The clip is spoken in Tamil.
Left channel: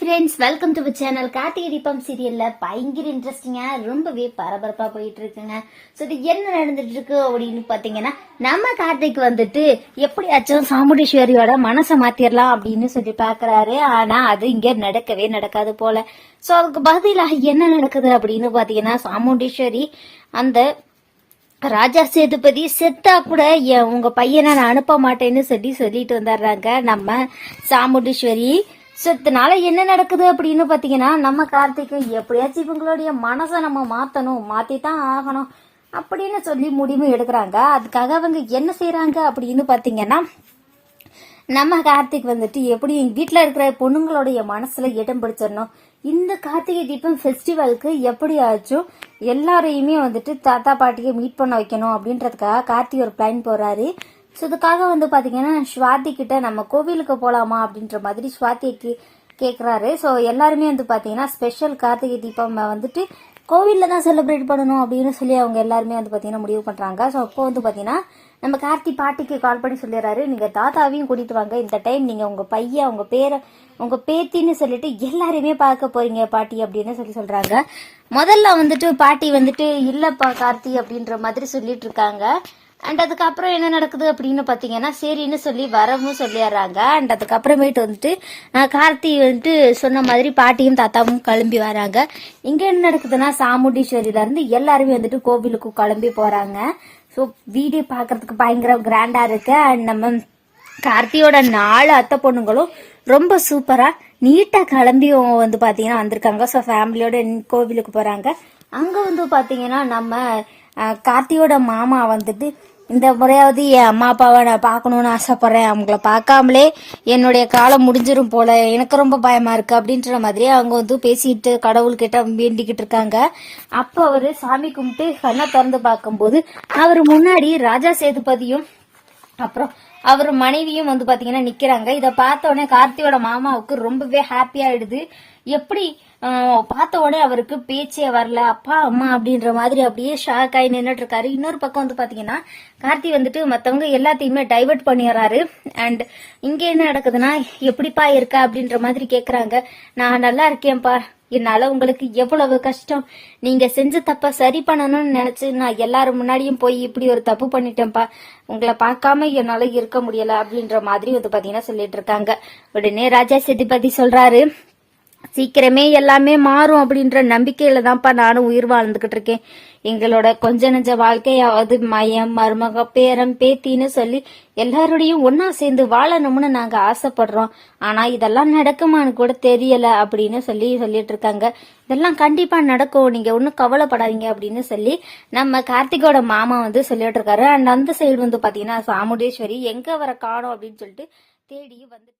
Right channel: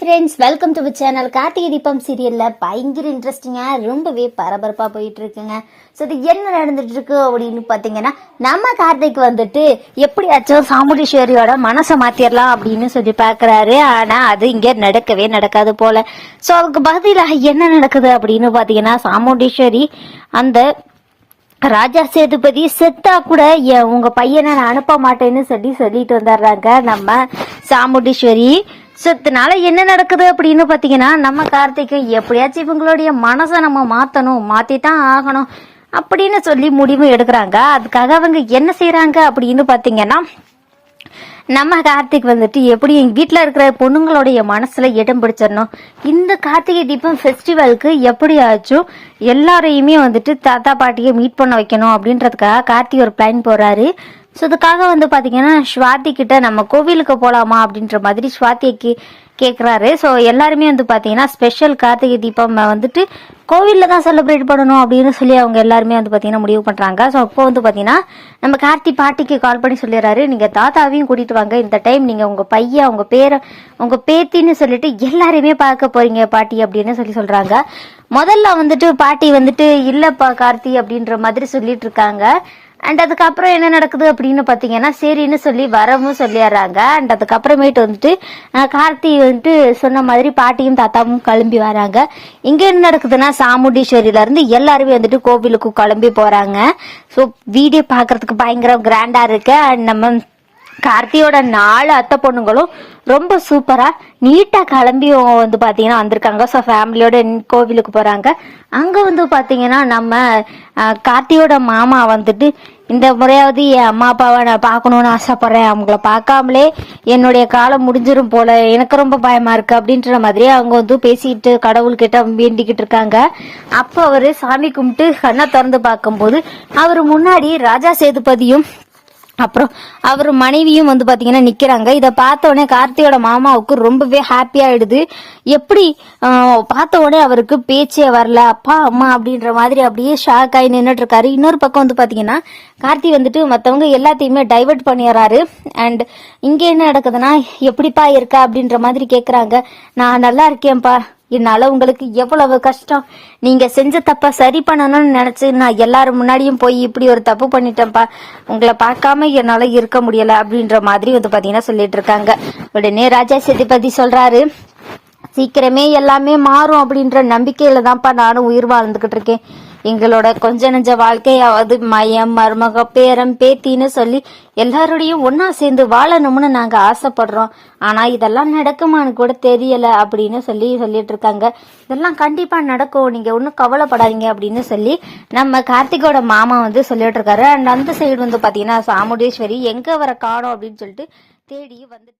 Friends, welcome to channel. Karthigai Deepam சீரியல்ல பயங்கர இன்ட்ரெஸ்டிங்கா ரொம்பவே பரபரப்பா போயிட்டு இருக்குங்க. ஸோ இது என்ன நடந்துட்டு இருக்கு அப்படின்னு பாத்தீங்கன்னா, நம்ம கார்த்திக் வந்துட்டு எப்படியாச்சும் சாமுண்டீஸ்வரியோட மனசை மாத்திரலாம் அப்படின்னு சொல்லி பாக்குறாரு. ஆனா அது இங்க நடக்கவே நடக்காது போல. ஸோ அதுக்கு பதிலாக என்ன நடக்குது அப்படின்னு பாத்தீங்கன்னா, சாமுண்டீஸ்வரி அந்த ராஜா சேதுபதி செத்தா கூட உங்க பையனை நான் அனுப்ப மாட்டேன்னு சொல்லிட்டு வந்துடுறாங்க நம்ம சாமுண்டீஸ்வரி. இதனால என்ன நடக்குது அப்படின்னு பாத்தீங்கன்னா, நம்ம கார்த்திகை எப்படியாச்சும் இவங்களுடைய மனசை நம்ம மாத்தித்தான் ஆகணும் அப்படின்னு சொல்லி முடிவு எடுக்கிறாங்க. அதுக்காக அவங்க என்ன செய்யறாங்க அப்படின்னு பாத்தீங்கன்னா, நம்ம கார்த்திக் வந்துட்டு எப்படி எங்க வீட்டுல இருக்கிற பொண்ணுங்களுடைய மனசுல இடம் பிடிச்சிடணும், இந்த கார்த்திகை தீபம் ஃபெஸ்டிவலுக்கு எப்படியாச்சும் எல்லாரையுமே வந்துட்டு தாத்தா பாட்டியை மீட் பண்ண வைக்கணும் அப்படின்றதுக்காக கார்த்திக் ஒரு பிளான் போறாரு. ஸோ இதுக்காக வந்து பார்த்தீங்கன்னா, ஸ்வாதி கிட்ட நம்ம கோவிலுக்கு போகலாமா அப்படின்ற மாதிரி ஸ்வாதிக்கு கேட்குறாரு. ஸோ எல்லாருமே வந்து பார்த்தீங்கன்னா, ஸ்பெஷல் கார்த்திகை தீபம் வந்துட்டு கோவிலில் தான் செலிப்ரேட் பண்ணணும் அப்படின்னு சொல்லி அவங்க எல்லாருமே வந்து பார்த்தீங்கன்னா முடிவு பண்ணுறாங்க. ஸோ அப்போ வந்து பார்த்தீங்கன்னா, நம்ம கார்த்தி பாட்டிக்கு கால் பண்ணி சொல்லிடுறாரு, நீங்கள் தாத்தாவையும் கூட்டிகிட்டு வாங்க, இந்த டைம் நீங்கள் உங்கள் பையன் உங்கள் பேரை உங்கள் பேத்தின்னு சொல்லிட்டு எல்லாரையுமே பார்க்க போறீங்க பாட்டி அப்படின்னு சொல்கிறாங்க. முதல்ல வந்துட்டு பாட்டி வந்துட்டு இல்லைப்பா கார்த்தி அப்படின்ற மாதிரி சொல்லிட்டு இருக்காங்க. அண்ட் அதுக்கப்புறம் என்ன நடக்குது அப்படின்னு பாத்தீங்கன்னா, சரின்னு சொல்லி வரவும் சொல்லிடுறாங்க. அண்ட் அதுக்கப்புறமேட்டு வந்துட்டு கார்த்தி வந்துட்டு சொன்ன மாதிரி பாட்டியும் தாத்தாவும் கிளம்பி வராங்க. இங்க என்ன நடக்குதுன்னா, சாமுண்டீஸ்வரியில இருந்து எல்லாருமே வந்துட்டு கோவிலுக்கு கிளம்பி போறாங்க. ஸோ வீடியோ பாக்குறதுக்கு பயங்கர கிராண்டா இருக்கு. அண்ட் நம்ம கார்த்தியோட 4 அத்தை பொண்ணுங்களும் ரொம்ப சூப்பரா நீட்டா கிளம்பி வந்து பாத்தீங்கன்னா வந்திருக்காங்க. ஸோ ஃபேமிலியோட கோவிலுக்கு போறாங்க. அங்க வந்து பாத்தீங்கன்னா, நம்ம கார்த்தியோட மாமா வந்துட்டு இந்த முறையாவது என் அம்மா அப்பாவை நான் பார்க்கணும்னு ஆசைப்படுறேன், அவங்கள பார்க்காமலே என்னுடைய காலம் முடிஞ்சிரும் போல, எனக்கு ரொம்ப பயமா இருக்கு அப்படின்ற மாதிரி அவங்க வந்து பேசிட்டு கடவுள்கிட்ட வேண்டிக்கிட்டு இருக்காங்க. அப்போ அவரு சாமி கும்பிட்டு கண்ணை திறந்து பார்க்கும்போது அவர் முன்னாடி ராஜா சேதுபதியும் அப்புறம் அவர் மனைவியும் வந்து பாத்தீங்கன்னா நிக்கிறாங்க. இதை பார்த்த உடனே கார்த்தியோட மாமாவுக்கு ரொம்பவே ஹாப்பி ஆயிடுது. எப்படி பார்த்த உடனே அவருக்கு பேச்சே வரல, அப்பா அம்மா அப்படின்ற மாதிரி அப்படியே ஷாக் ஆகி நின்றுட்டு இருக்காரு. இன்னொரு பக்கம் வந்து பாத்தீங்கன்னா, கார்த்தி வந்துட்டு மத்தவங்க எல்லாத்தையுமே டைவர்ட் பண்ணிடுறாரு. அண்ட் இங்க என்ன நடக்குதுன்னா, எப்படிப்பா இருக்க அப்படின்ற மாதிரி கேக்குறாங்க. நான் நல்லா இருக்கேன்ப்பா, என்னால உங்களுக்கு எவ்வளவு கஷ்டம், நீங்க செஞ்ச தப்ப சரி பண்ணணும்னு நினைச்சு நான் எல்லாரும் முன்னாடியும் போய் இப்படி ஒரு தப்பு பண்ணிட்டேன்ப்பா, உங்களை பார்க்காம என்னால இருக்க முடியல அப்படின்ற மாதிரி வந்து பாத்தீங்கன்னா சொல்லிட்டு இருக்காங்க. உடனே ராஜா சேதுபதி சொல்றாரு, சீக்கிரமே எல்லாமே மாறும் அப்படின்ற நம்பிக்கையில தான்ப்பா நானும் உயிர் வாழ்ந்துகிட்டு இருக்கேன். எங்களோட கொஞ்ச நெஞ்ச வாழ்க்கையாவது மயம் மருமக பேரன் பேத்தின்னு சொல்லி எல்லாரோடையும் ஒன்னா சேர்ந்து வாழணும்னு நாங்க ஆசைப்படுறோம். ஆனா இதெல்லாம் நடக்குமான்னு கூட தெரியல அப்படின்னு சொல்லிட்டு இருக்காங்க. இதெல்லாம் கண்டிப்பா நடக்கும், நீங்க ஒன்னும் கவலைப்படாதீங்க அப்படின்னு சொல்லி நம்ம கார்த்திகோட மாமா வந்து சொல்லிட்டு இருக்காரு. அண்ட் அந்த சைடு வந்து பாத்தீங்கன்னா, சாமுண்டீஸ்வரி எங்க வர காணோம் அப்படின்னு சொல்லிட்டு தேடி வந்து